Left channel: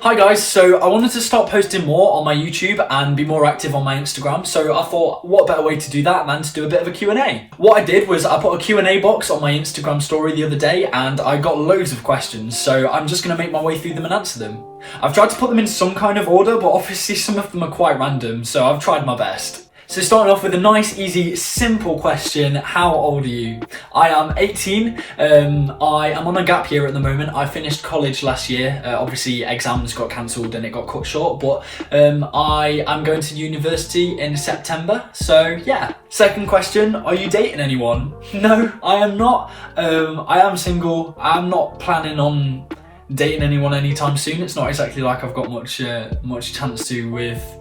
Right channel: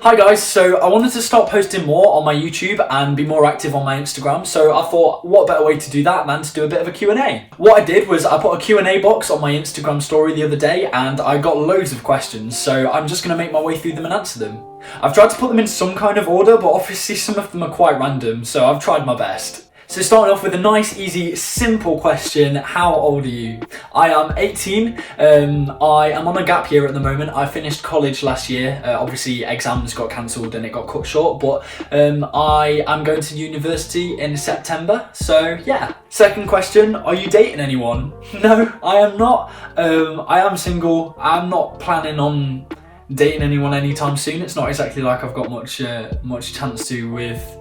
Hi guys, so I wanted to start posting more on my YouTube and be more active on my Instagram, so I thought what better way to do that than to do a bit of a Q&A. What I did was I put a Q&A box on my Instagram story the other day and I got loads of questions, so I'm just going to make my way through them and answer them. I've tried to put them in some kind of order, but obviously some of them are quite random, so I've tried my best. So starting off with a nice, easy, simple question. How old are you? I am 18. I am on a gap year at the moment. I finished college last year. Obviously exams got cancelled and it got cut short, but I am going to university in September. So yeah. Second question, are you dating anyone? No, I am not. I am single. I'm not planning on dating anyone anytime soon. It's not exactly like I've got much chance to with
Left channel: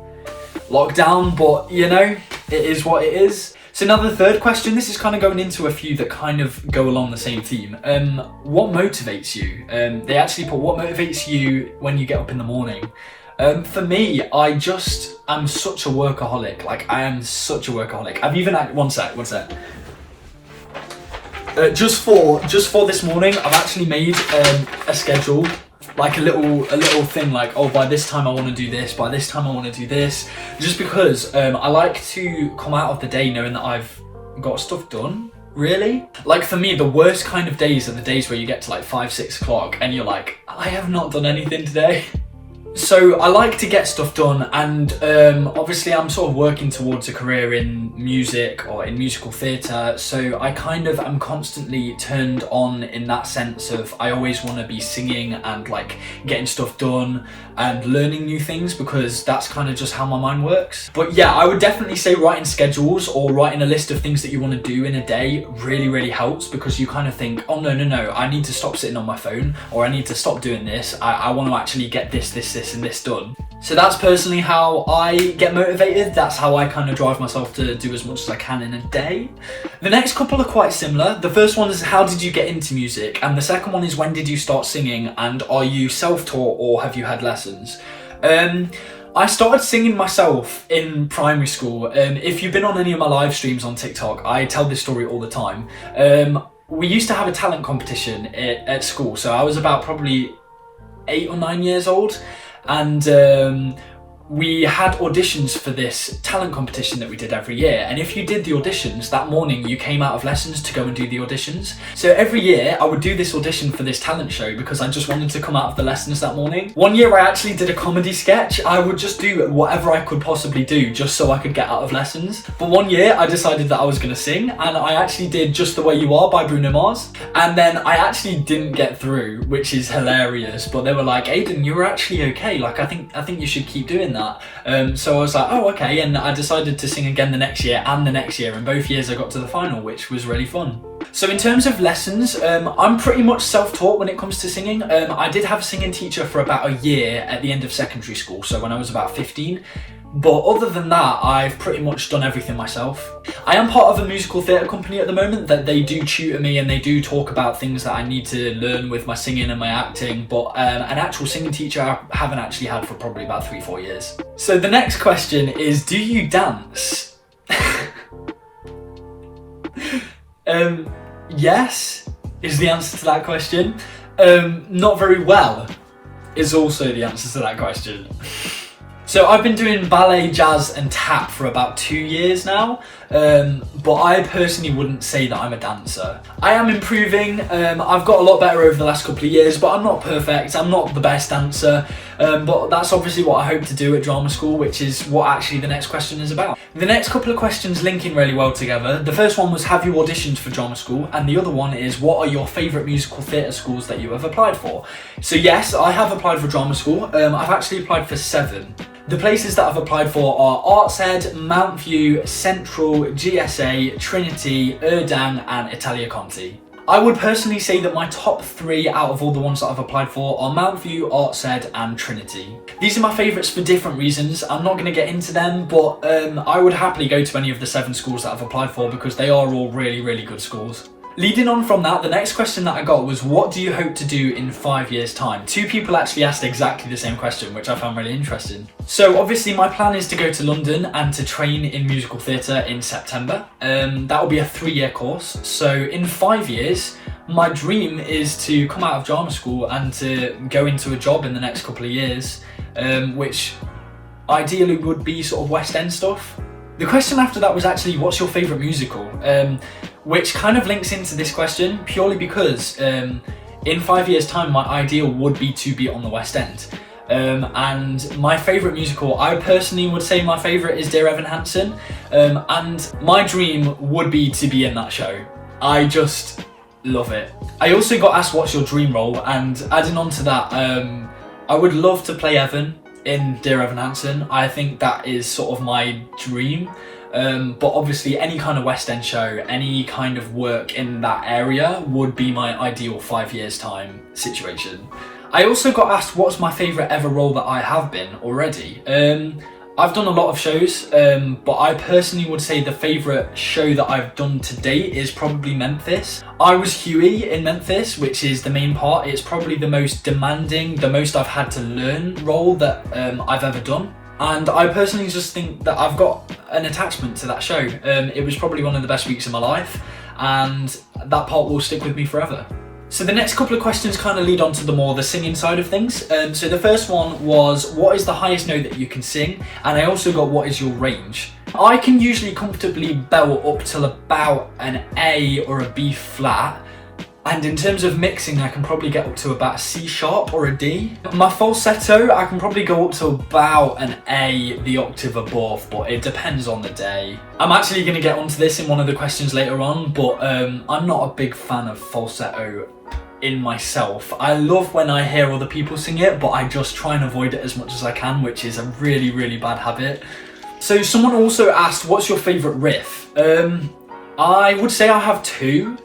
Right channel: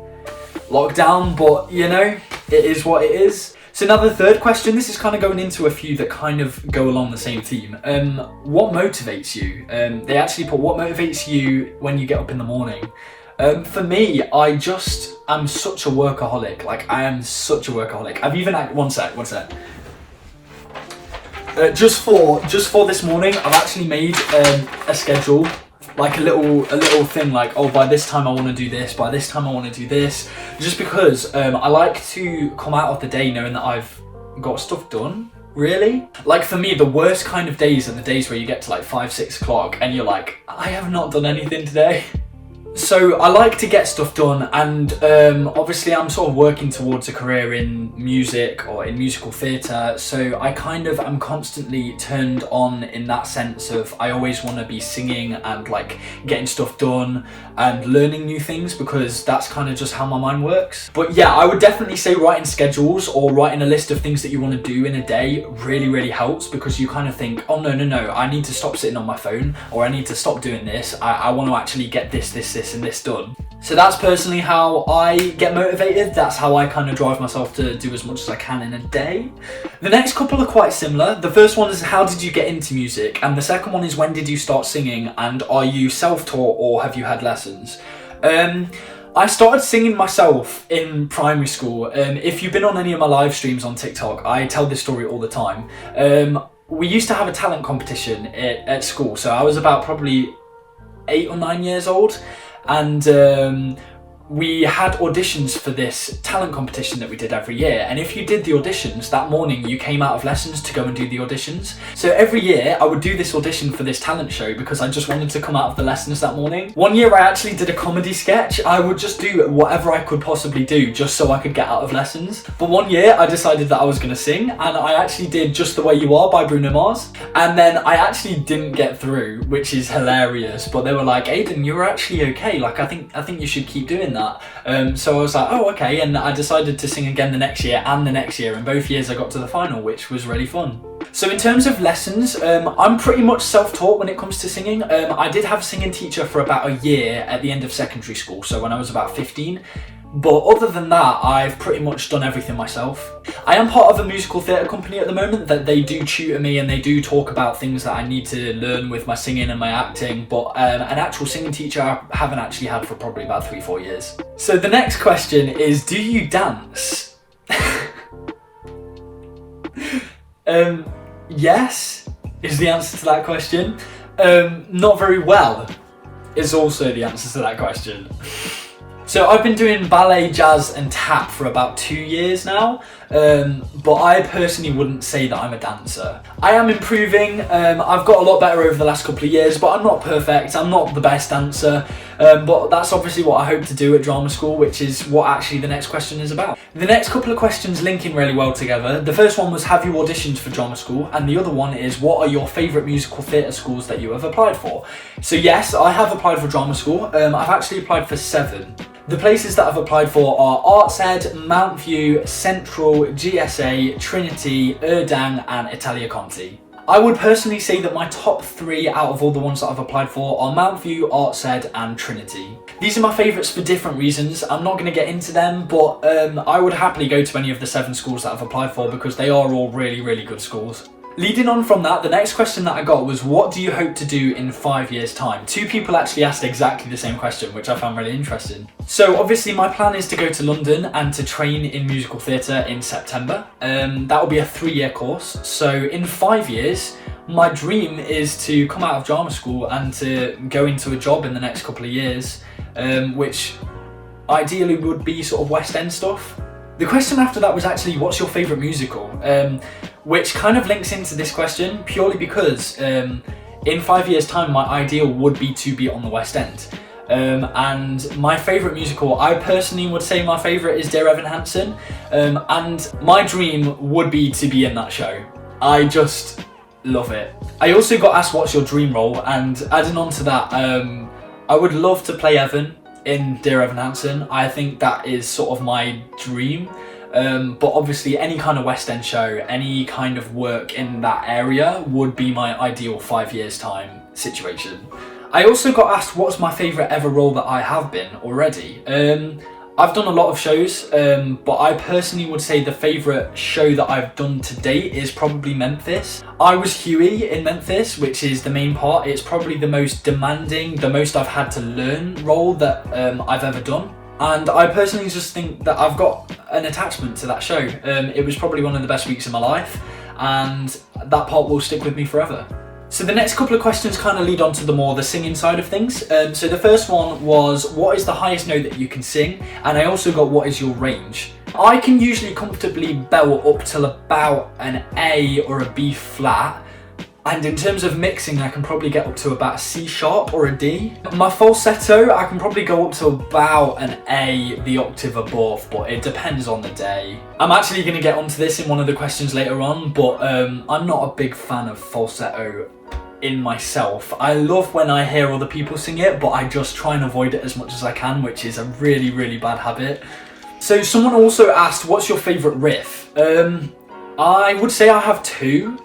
lockdown, but you know, it is what it is. So now the third question, this is kind of going into a few that kind of go along the same theme. What motivates you? They actually put, what motivates you when you get up in the morning? For me, I'm such a workaholic. Like, I am such a workaholic. I've even, one sec. Just for this morning, I've actually made a schedule, like a little thing, like, oh, by this time I want to do this, by this time I want to do this, just because I like to come out of the day knowing that I've got stuff done, really. Like, for me, the worst kind of days are the days where you get to like 5-6 o'clock and you're like, I have not done anything today. So I like to get stuff done, and obviously I'm sort of working towards a career in music or in musical theatre, so I kind of am constantly turned on in that sense of I always want to be singing and like getting stuff done and learning new things, because that's kind of just how my mind works. But yeah, I would definitely say writing schedules or writing a list of things that you want to do in a day really helps, because you kind of think, oh no, I need to stop sitting on my phone, or I need to stop doing this. I want to actually get this and this done. So that's personally how I get motivated. That's how I kind of drive myself to do as much as I can in a day. The next couple are quite similar. The first one is, how did you get into music? And the second one is, when did you start singing? And are you self-taught or have you had lessons? I started singing myself in primary school. If you've been on any of my live streams on TikTok, I tell this story all the time. We used to have a talent competition at school. So I was about probably 8 or 9 years old. And we had auditions for this talent competition that we did every year, and if you did the auditions that morning, you came out of lessons to go and do the auditions. So every year I would do this audition for this talent show because I just wanted to come out of the lessons that morning. One year I actually did a comedy sketch. I would just do whatever I could possibly do just so I could get out of lessons. But one year I decided that I was going to sing, and I actually did Just the Way You Are by Bruno Mars, and then I actually didn't get through, which is hilarious. But they were like, Aiden, you were actually okay, like I think you should keep doing that. So I was like, oh, okay, and I decided to sing again the next year and the next year, and both years I got to the final, which was really fun. So in terms of lessons, I'm pretty much self-taught when it comes to singing. I did have a singing teacher for about a year at the end of secondary school, so when I was about 15. But other than that, I've pretty much done everything myself. I am part of a musical theatre company at the moment that they do tutor me, and they do talk about things that I need to learn with my singing and my acting, but an actual singing teacher I haven't actually had for probably about 3-4 years. So the next question is, do you dance? Yes, is the answer to that question. Not very well is also the answer to that question. So I've been doing ballet, jazz and tap for about 2 years now, but I personally wouldn't say that I'm a dancer. I am improving. I've got a lot better over the last couple of years, but I'm not perfect. I'm not the best dancer, but that's obviously what I hope to do at drama school, which is what actually the next question is about. The next couple of questions linking really well together. The first one was, have you auditioned for drama school? And the other one is, what are your favourite musical theatre schools that you have applied for? So yes, I have applied for drama school. I've actually applied for 7. The places that I've applied for are Artsed, Mount View, Central, GSA, Trinity, Erdang and Italia Conti. I would personally say that my top 3 out of all the ones that I've applied for are Mount View, Artsed and Trinity. These are my favourites for different reasons. I'm not going to get into them, but I would happily go to any of the 7 schools that I've applied for because they are all really good schools. Leading on from that, the next question that I got was, what do you hope to do in 5 years' time? 2 people actually asked exactly the same question, which I found really interesting. So obviously my plan is to go to London and to train in musical theatre in September. That will be a 3-year course. So in 5 years, My dream is to come out of drama school and to go into a job in the next couple of years, which ideally would be sort of West End stuff. The question after that was actually, what's your favourite musical? Which kind of links into this question purely because in 5 years' time, my ideal would be to be on the West End. And my favourite musical, I personally would say my favourite is Dear Evan Hansen, and my dream would be to be in that show. I just love it. I also got asked what's your dream role, and adding on to that, I would love to play Evan in Dear Evan Hansen. I think that is sort of my dream. But obviously any kind of West End show, any kind of work in that area would be my ideal 5 years time situation. I also got asked what's my favourite ever role that I have been already. I've done a lot of shows, but I personally would say the favourite show that I've done to date is probably Memphis. I was Huey in Memphis, which is the main part. It's probably the most demanding, the most I've had to learn role that I've ever done. And I personally just think that I've got an attachment to that show. It was probably one of the best weeks of my life, and that part will stick with me forever. So the next couple of questions kind of lead on to the singing side of things. So the first one was, what is the highest note that you can sing? And I also got, what is your range? I can usually comfortably belt up till about an A or a B flat. And in terms of mixing, I can probably get up to about a C sharp or a D. My falsetto, I can probably go up to about an A, the octave above, but it depends on the day. I'm actually going to get onto this in one of the questions later on, but I'm not a big fan of falsetto in myself. I love when I hear other people sing it, but I just try and avoid it as much as I can, which is a really, really bad habit. So someone also asked, what's your favourite riff? I would say I have two.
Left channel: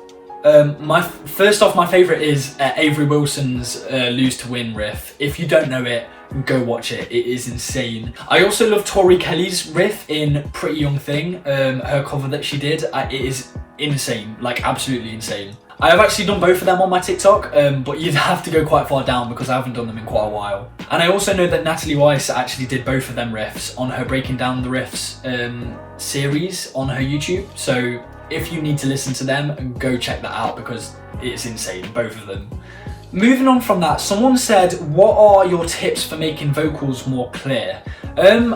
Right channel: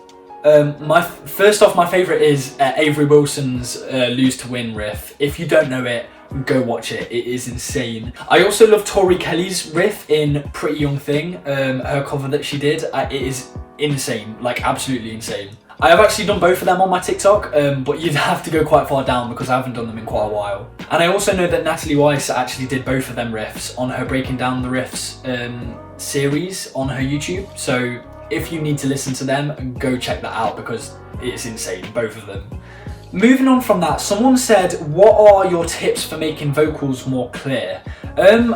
My favourite is Avery Wilson's Lose to Win riff. If you don't know it, go watch it. It is insane. I also love Tori Kelly's riff in Pretty Young Thing, her cover that she did. It is insane, like absolutely insane. I have actually done both of them on my TikTok, but you'd have to go quite far down because I haven't done them in quite a while. And I also know that Natalie Weiss actually did both of them riffs on her Breaking Down the Riffs series on her YouTube. So if you need to listen to them, go check that out because it's insane, both of them. Moving on from that, someone said, what are your tips for making vocals more clear?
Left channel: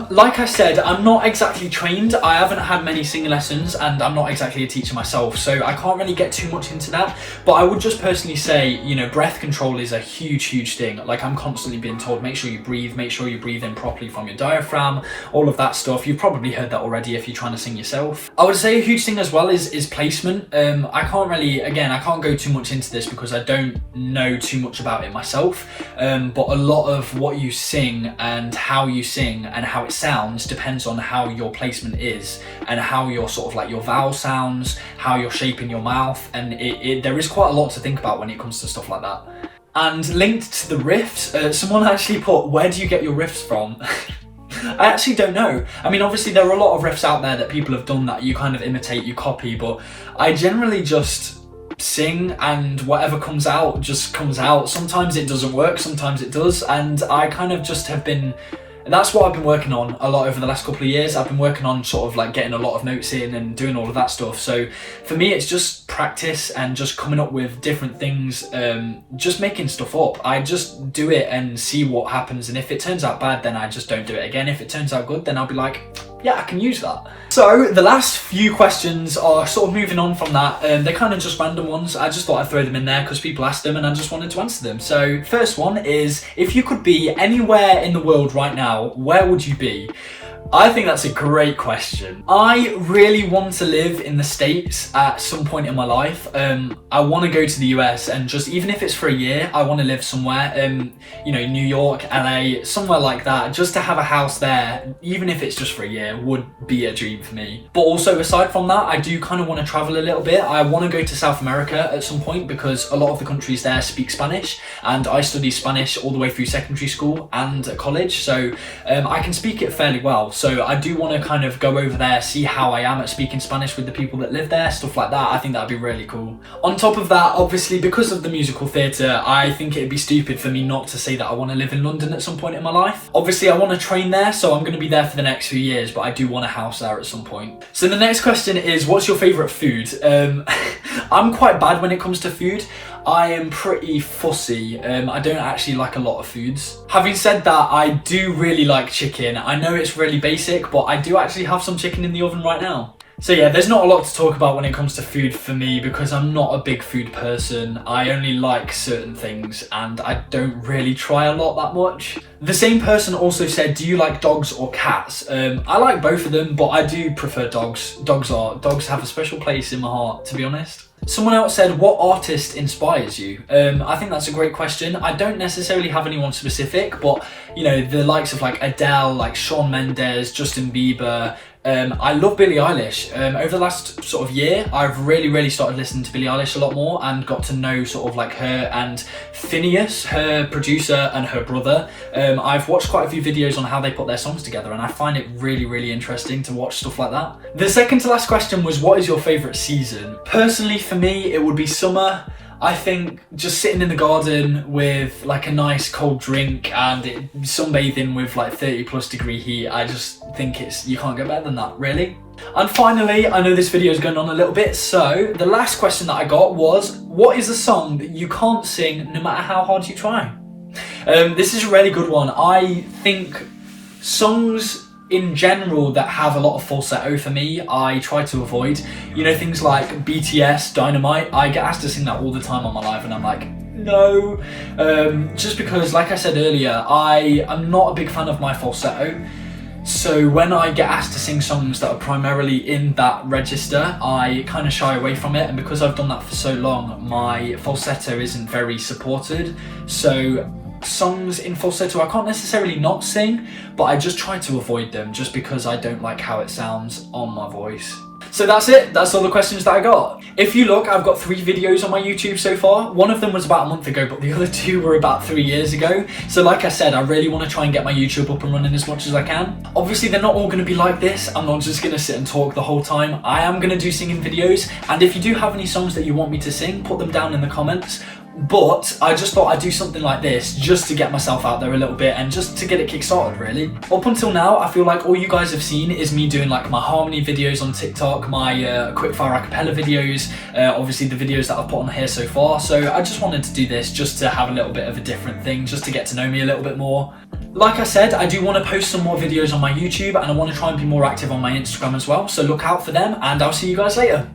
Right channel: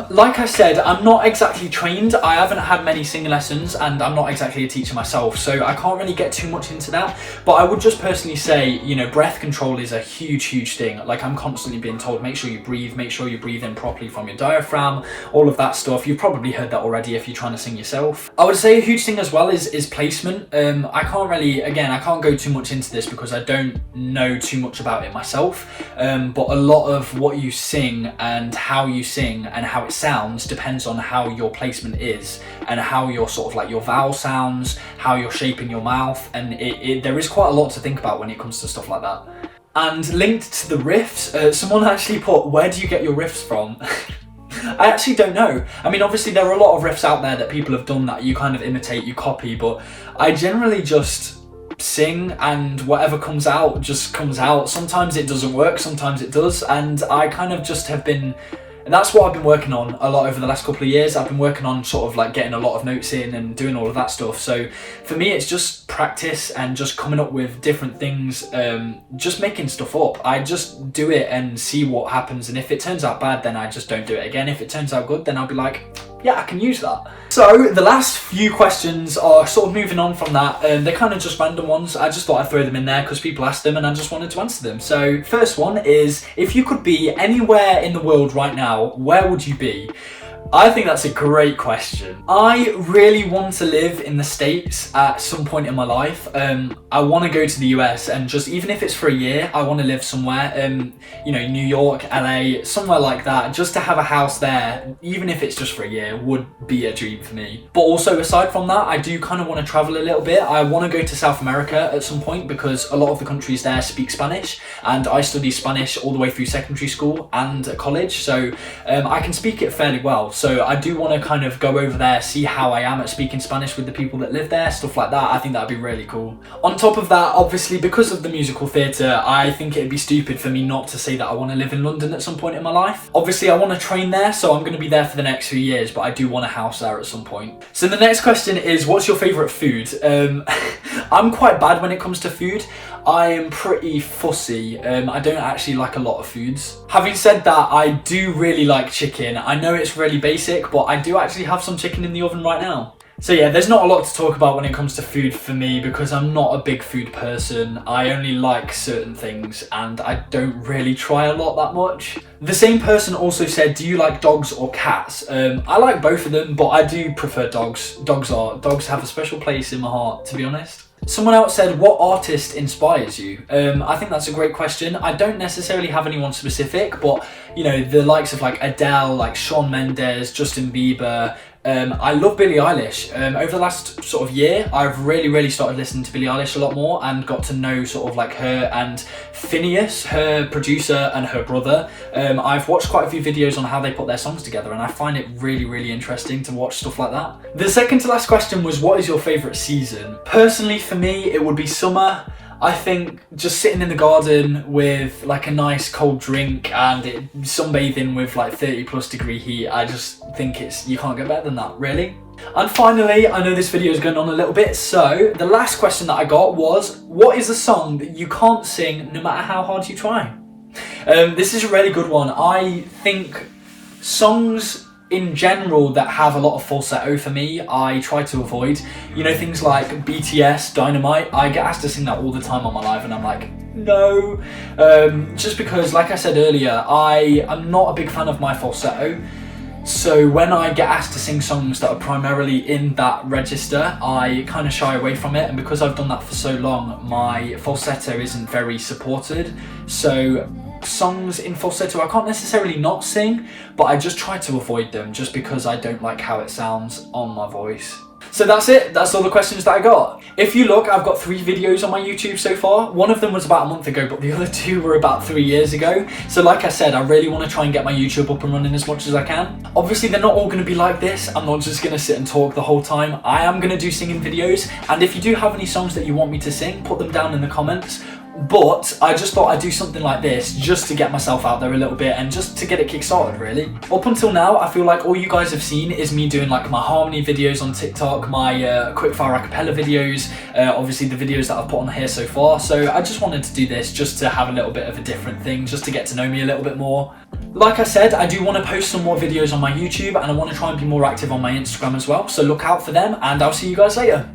Like I said, I'm not exactly trained. I haven't had many singing lessons and I'm not exactly a teacher myself, so I can't really get too much into that. But I would just personally say, you know, breath control is a huge thing. Like, I'm constantly being told, make sure you breathe in properly from your diaphragm, all of that stuff. You've probably heard that already if you're trying to sing yourself. I would say a huge thing as well is placement. I can't go too much into this because I don't know too much about it myself. But a lot of what you sing and how you sing and how it sounds depends on how your placement is and how your sort of like your vowel sounds, how you're shaping your mouth, and there is quite a lot to think about when it comes to stuff like that. And linked to the riffs, someone actually put, where do you get your riffs from? I actually don't know. I mean, obviously there are a lot of riffs out there that people have done that you kind of imitate, you copy, but I generally just sing and whatever comes out just comes out. Sometimes it doesn't work, sometimes it does, and I kind of just have been, that's what I've been working on a lot over the last couple of years. I've been working on sort of like getting a lot of notes in and doing all of that stuff. So for me, it's just practice and just coming up with different things, just making stuff up. I just do it and see what happens. And if it turns out bad, then I just don't do it again. If it turns out good, then I'll be like, yeah, I can use that. So the last few questions are sort of moving on from that. They're kind of just random ones. I just thought I'd throw them in there because people asked them and I just wanted to answer them. So first one is, if you could be anywhere in the world right now, where would you be? I think that's a great question. I really want to live in the States at some point in my life. I want to go to the US and just, even if it's for a year, I want to live somewhere, you know, New York, LA, somewhere like that. Just to have a house there, even if it's just for a year, would be a dream for me. But also aside from that, I do kind of want to travel a little bit. I want to go to South America at some point because a lot of the countries there speak Spanish, and I studied Spanish all the way through secondary school and at college, so I can speak it fairly well. well. So I do want to kind of go over there, see how I am at speaking Spanish with the people that live there, stuff like that. I think that'd be really cool. On top of that, obviously, because of the musical theatre, I think it'd be stupid for me not to say that I want to live in London at some point in my life. Obviously, I want to train there, so I'm going to be there for the next few years, but I do want a house there at some point. So the next question is, what's your favourite food? I'm quite bad when it comes to food. I am pretty fussy. I don't actually like a lot of foods. Having said that, I do really like chicken. I know it's really basic, but I do actually have some chicken in the oven right now. So yeah, there's not a lot to talk about when it comes to food for me because I'm not a big food person. I only like certain things and I don't really try a lot that much. The same person also said, do you like dogs or cats? I like both of them, but I do prefer dogs. Dogs have a special place in my heart, to be honest. Someone else said, what artist inspires you? I think that's a great question. I don't necessarily have anyone specific, but you know, the likes of like Adele, like Shawn Mendes, Justin Bieber. I love Billie Eilish. Over the last sort of year, I've really started listening to Billie Eilish a lot more and got to know sort of like her and Phineas, her producer, and her brother. I've watched quite a few videos on how they put their songs together and I find it really interesting to watch stuff like that. The second to last question was, what is your favourite season? Personally, for me, it would be summer. I think just sitting in the garden with like a nice cold drink and sunbathing with like 30+ degree heat, I just think you can't get better than that, really. And finally, I know this video is going on a little bit, so the last question that I got was, what is a song that you can't sing no matter how hard you try? This is a really good one. I think songs in general that have a lot of falsetto for me, I try to avoid. You know, things like BTS, Dynamite, I get asked to sing that all the time on my live and I'm like, no. Just because, like I said earlier, I am not a big fan of my falsetto. So when I get asked to sing songs that are primarily in that register, I kind of shy away from it. And because I've done that for so long, my falsetto isn't very supported. So songs in falsetto I can't necessarily not sing, but I just try to avoid them just because I don't like how it sounds on my voice. So that's it, that's all the questions that I got. If you look, I've got 3 videos on my YouTube so far. One of them was about a month ago, but the other 2 were about 3 years ago. So like I said, I really want to try and get my YouTube up and running as much as I can. Obviously, they're not all going to be like this. I'm not just going to sit and talk the whole time. I am going to do singing videos. And if you do have any songs that you want me to sing, put them down in the comments. But I just thought I'd do something like this just to get myself out there a little bit and just to get it kick-started, really. Up until now, I feel like all you guys have seen is me doing like my harmony videos on TikTok, my quickfire acapella videos, obviously the videos that I've put on here so far. So I just wanted to do this just to have a little bit of a different thing, just to get to know me a little bit more. Like I said, I do want to post some more videos on my YouTube and I want to try and be more active on my Instagram as well. So look out for them and I'll see you guys later.